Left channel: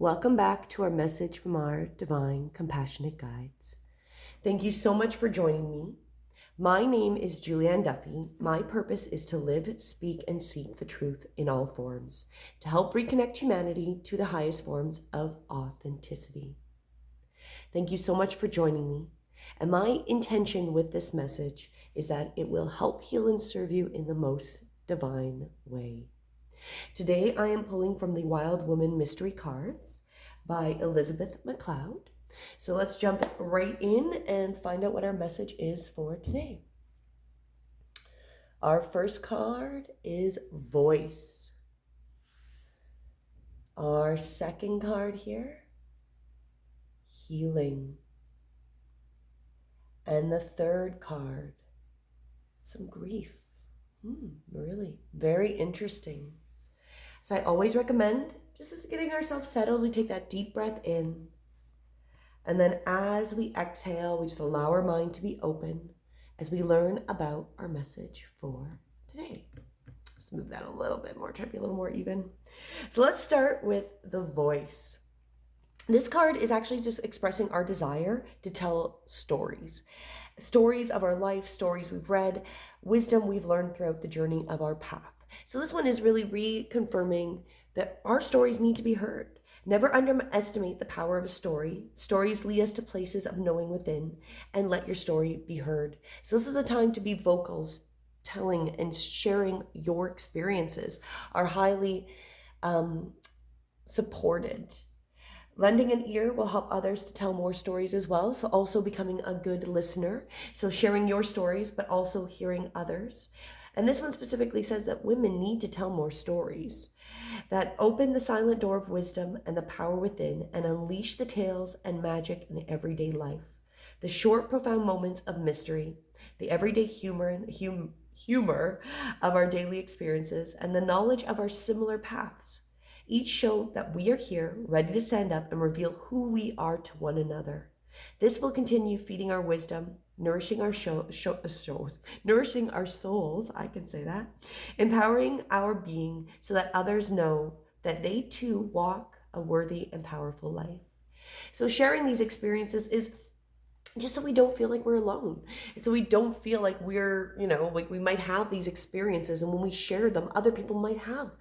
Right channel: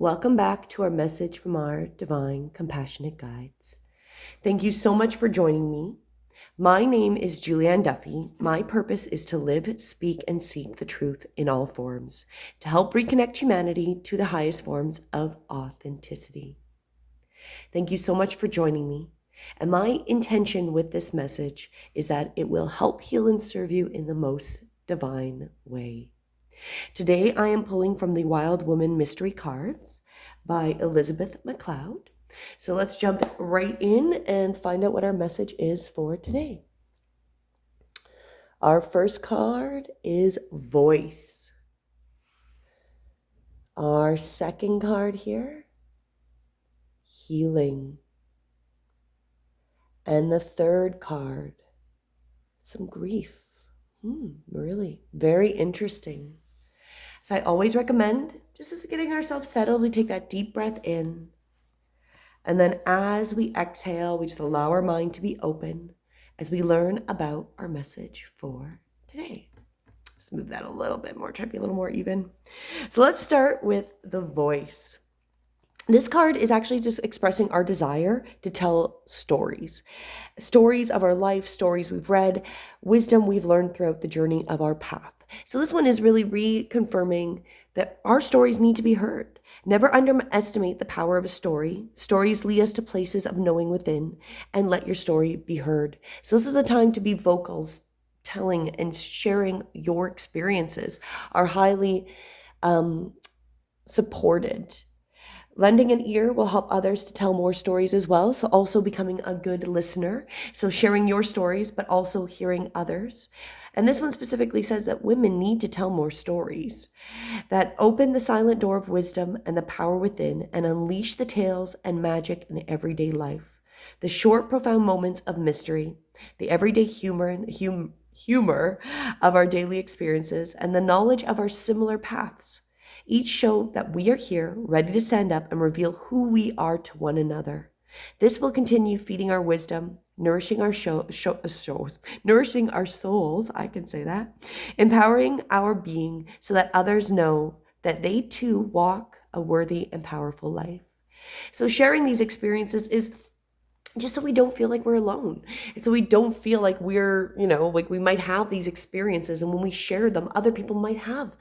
Welcome back to our message from our divine compassionate guides. Thank you so much for joining me. My name is Julianne Duffy. My purpose is to live, speak, and seek the truth in all forms, to help reconnect humanity to the highest forms of authenticity. Thank you so much for joining me. And my intention with this message is that it will help heal and serve you in the most divine way. Today I am pulling from the Wild Woman Mystery Cards by Elizabeth McLeod. So let's jump right in and find out what our message is for today. Our first card is Voice. Our second card here, Healing. And the third card, some grief. Really very interesting. So I always recommend, just as getting ourselves settled, we take that deep breath in. And then as we exhale, we just allow our mind to be open as we learn about our message for today. Let's move that a little bit more, try to be a little more even. So let's start with the Voice. This card is actually just expressing our desire to tell stories. Stories of our life, stories we've read, wisdom we've learned throughout the journey of our path. So this one is really reconfirming that our stories need to be heard. Never underestimate the power of a story. Stories lead us to places of knowing within, and let your story be heard. So this is a time to be vocal, telling and sharing your experiences are highly supported. Lending an ear will help others to tell more stories as well. So also becoming a good listener. So sharing your stories, but also hearing others. And this one specifically says that women need to tell more stories that open the silent door of wisdom and the power within and unleash the tales and magic in everyday life. The short, profound moments of mystery, the everyday humor of our daily experiences, and the knowledge of our similar paths. Each show that we are here, ready to stand up and reveal who we are to one another. This will continue feeding our wisdom, nourishing our nourishing our souls, I can say that, empowering our being so that others know that they too walk a worthy and powerful life. So sharing these experiences is just so we don't feel like we're alone. And so we don't feel like we're, like we might have these experiences, and when we share them, other people might have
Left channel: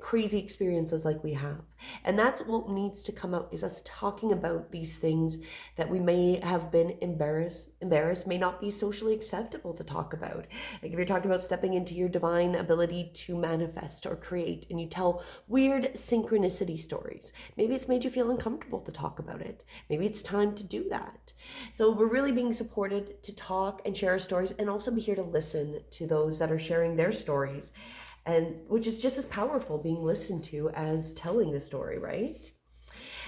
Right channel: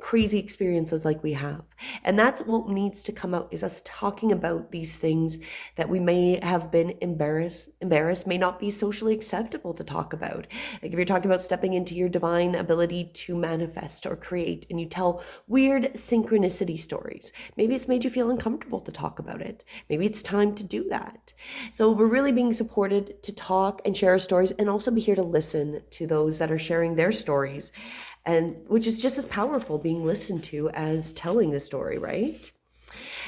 crazy experiences like we have. And that's what needs to come out, is us talking about these things that we may have been embarrassed, may not be socially acceptable to talk about. Like if you're talking about stepping into your divine ability to manifest or create, and you tell weird synchronicity stories, maybe it's made you feel uncomfortable to talk about it. Maybe it's time to do that. So we're really being supported to talk and share our stories, and also be here to listen to those that are sharing their stories, and which is just as powerful, being listened to, as telling the story, right?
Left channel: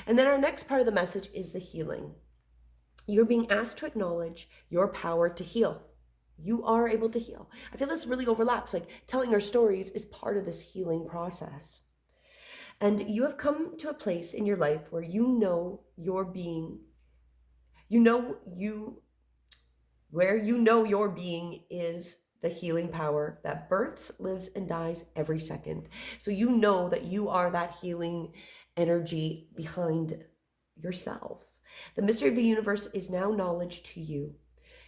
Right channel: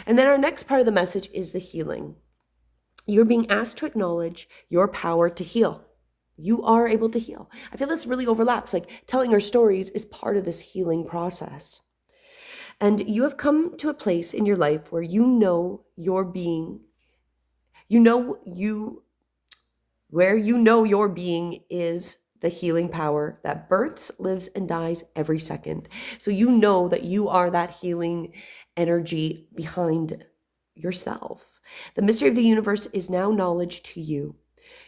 And then our next part of the message is the healing. You're being asked to acknowledge your power to heal. You are able to heal. I feel this really overlaps, like telling our stories is part of this healing process. And you have come to a place in your life where you know your being your being is the healing power that births, lives, and dies every second. So you know that you are that healing energy behind yourself. The mystery of the universe is now knowledge to you.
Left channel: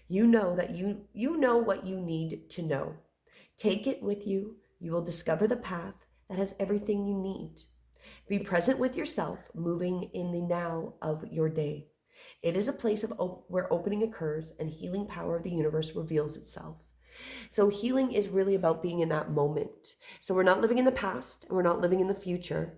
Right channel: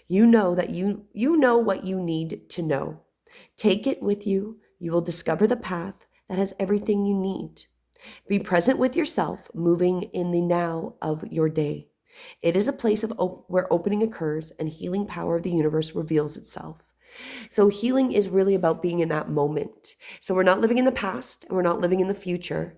You know that you know what you need to know. Take it with you. You will discover the path that has everything you need. Be present with yourself, moving in the now of your day. It is a place where opening occurs and healing power of the universe reveals itself. So healing is really about being in that moment. So we're not living in the past and we're not living in the future.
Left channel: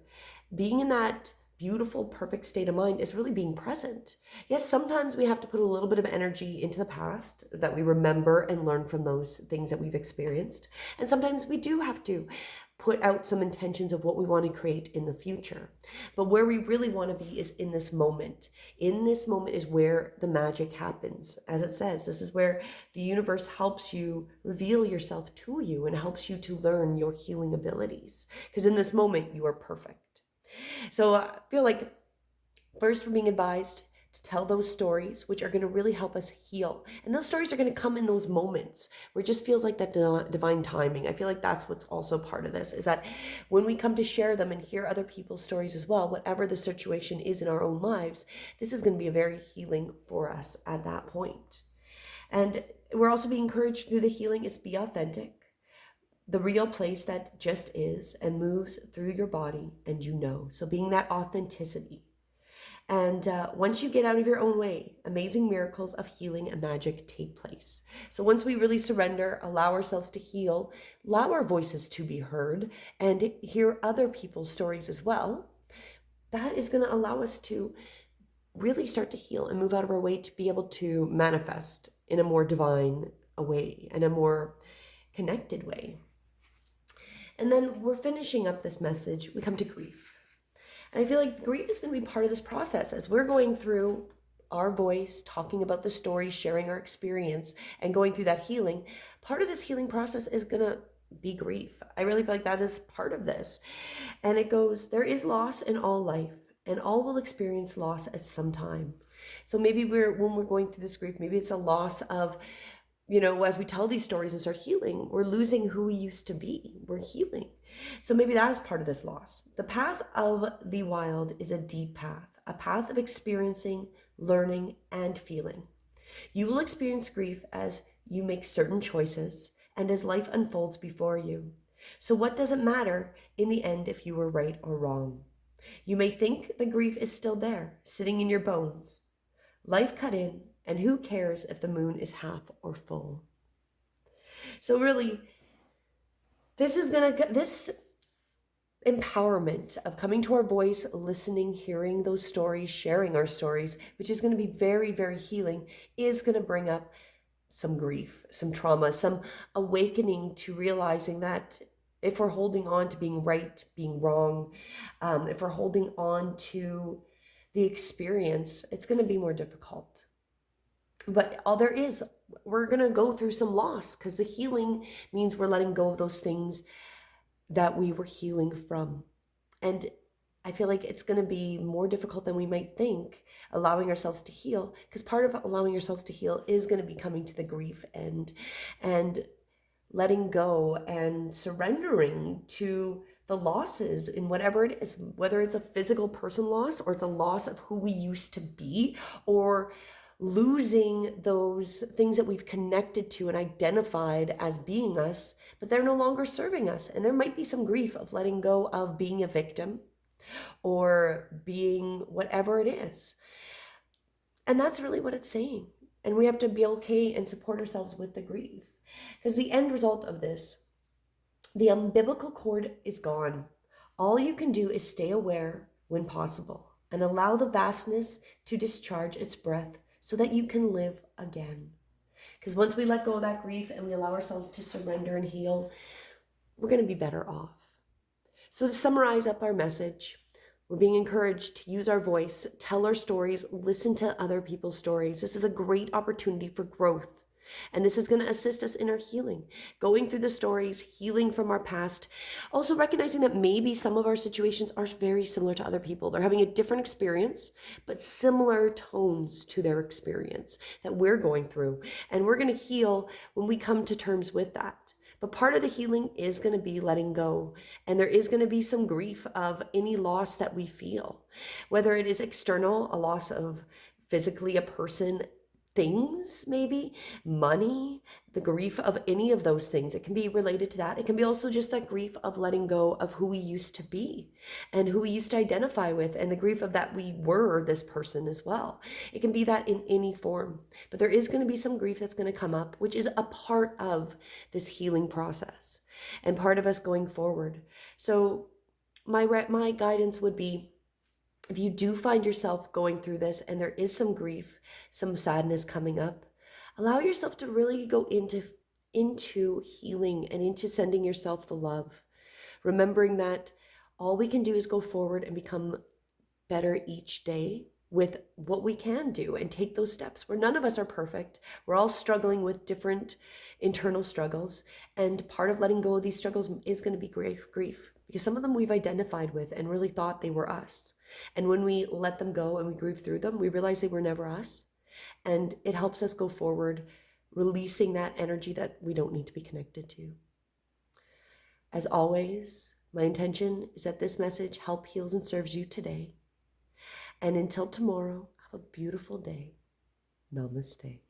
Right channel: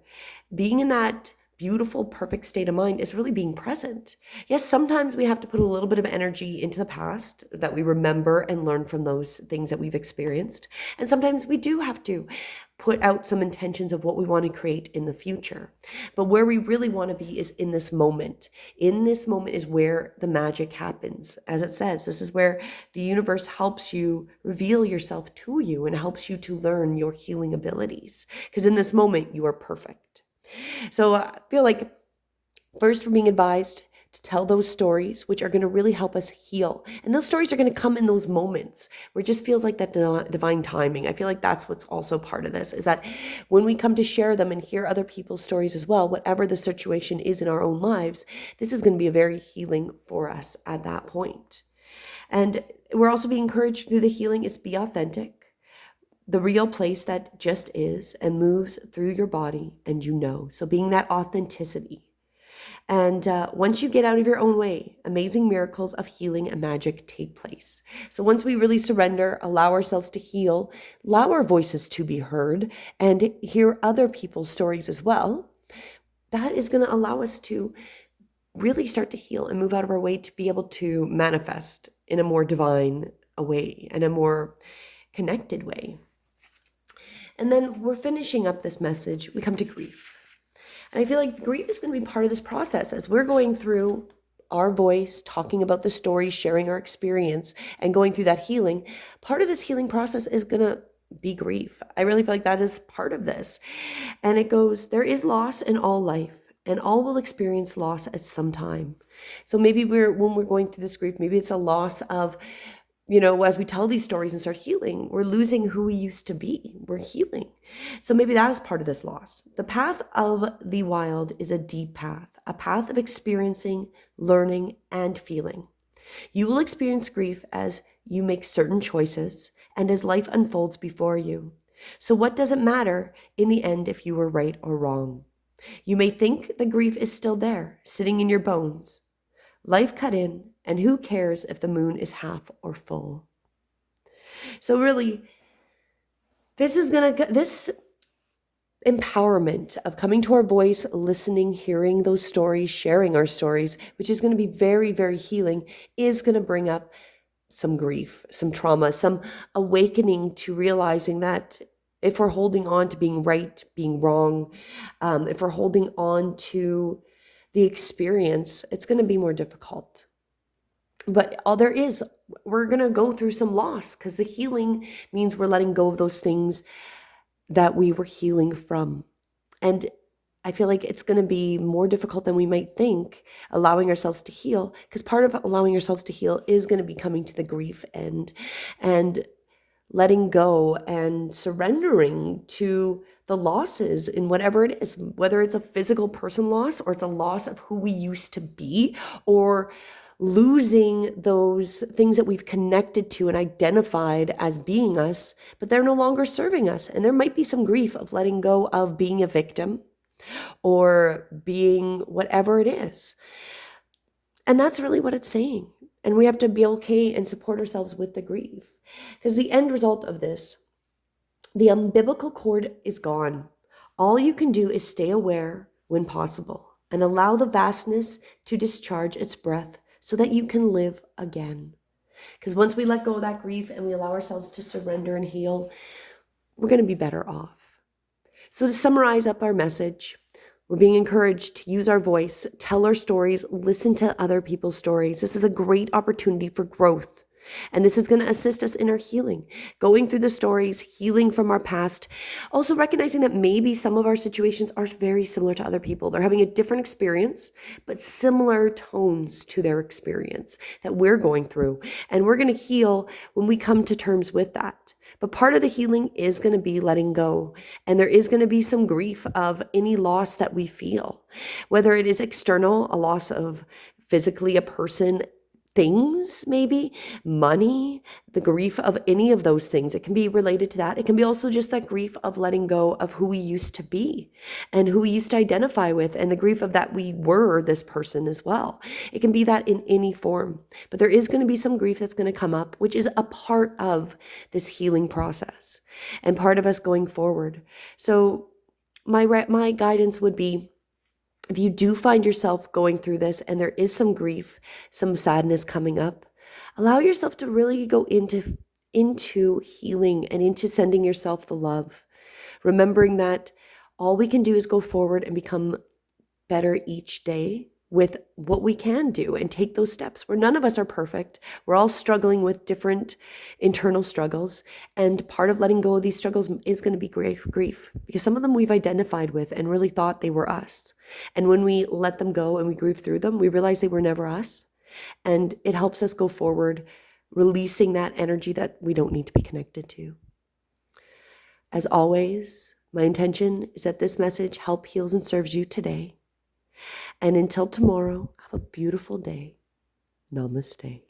Being in that beautiful, perfect state of mind is really being present. Yes, sometimes we have to put a little bit of energy into the past that we remember and learn from those things that we've experienced. And sometimes we do have to put out some intentions of what we want to create in the future. But where we really want to be is in this moment. In this moment is where the magic happens. As it says, this is where the universe helps you reveal yourself to you and helps you to learn your healing abilities. Because in this moment, you are perfect. So I feel like first we're being advised to tell those stories, which are going to really help us heal. And those stories are going to come in those moments where it just feels like that divine timing. I feel like that's what's also part of this, is that when we come to share them and hear other people's stories as well, whatever the situation is in our own lives, this is going to be a very healing for us at that point. And we're also being encouraged through the healing is be authentic, the real place that just is and moves through your body, and so being that authenticity. And once you get out of your own way, amazing miracles of healing and magic take place. So once we really surrender, allow ourselves to heal, allow our voices to be heard, and hear other people's stories as well, that is going to allow us to really start to heal and move out of our way to be able to manifest in a more divine way and a more connected way. And then we're finishing up this message. We come to grief. And I feel like grief is going to be part of this process as we're going through our voice, talking about the story, sharing our experience, and going through that healing. Part of this healing process is going to be grief. I really feel like that is part of this. And it goes, there is loss in all life, and all will experience loss at some time. So maybe when we're going through this grief, maybe it's a loss of, as we tell these stories and start healing, we're losing who we used to be. We're healing. So maybe that is part of this loss. The path of the wild is a deep path, a path of experiencing, learning, and feeling. You will experience grief as you make certain choices and as life unfolds before you. So what does it matter in the end if you were right or wrong? You may think the grief is still there, sitting in your bones. Life cut in, and who cares if the moon is half or full? So really, this empowerment of coming to our voice, listening, hearing those stories, sharing our stories, which is going to be very, very healing, is going to bring up some grief, some trauma, some awakening to realizing that if we're holding on to being right, being wrong, if we're holding on to the experience, it's going to be more difficult. But we're going to go through some loss, because the healing means we're letting go of those things that we were healing from. And I feel like it's going to be more difficult than we might think, allowing ourselves to heal, because part of allowing ourselves to heal is going to be coming to the grief and letting go and surrendering to the losses in whatever it is, whether it's a physical person loss or it's a loss of who we used to be, or losing those things that we've connected to and identified as being us, but they're no longer serving us. And there might be some grief of letting go of being a victim or being whatever it is. And that's really what it's saying. And we have to be okay and support ourselves with the grief, because the end result of this, the umbilical cord is gone. All you can do is stay aware when possible and allow the vastness to discharge its breath so that you can live again. Because once we let go of that grief and we allow ourselves to surrender and heal, we're going to be better off. So to summarize up our message, we're being encouraged to use our voice, tell our stories, listen to other people's stories. This is a great opportunity for growth. And this is going to assist us in our healing, going through the stories, healing from our past, also recognizing that maybe some of our situations are very similar to other people. They're having a different experience, but similar tones to their experience that we're going through. And we're going to heal when we come to terms with that. But part of the healing is going to be letting go. And there is going to be some grief of any loss that we feel, whether it is external, a loss of physically a person, things, maybe money, the grief of any of those things. It can be related to that. It can be also just that grief of letting go of who we used to be and who we used to identify with, and the grief of that we were this person as well. It can be that in any form, but there is going to be some grief that's going to come up, which is a part of this healing process and part of us going forward. So my guidance would be, if you do find yourself going through this and there is some grief, some sadness coming up, allow yourself to really go into healing and into sending yourself the love, remembering that all we can do is go forward and become better each day with what we can do and take those steps where none of us are perfect. We're all struggling with different internal struggles. And part of letting go of these struggles is going to be grief, because some of them we've identified with and really thought they were us. And when we let them go and we grieve through them, we realize they were never us. And it helps us go forward, releasing that energy that we don't need to be connected to. As always, my intention is that this message helps, heals, and serves you today. And until tomorrow, have a beautiful day. Namaste.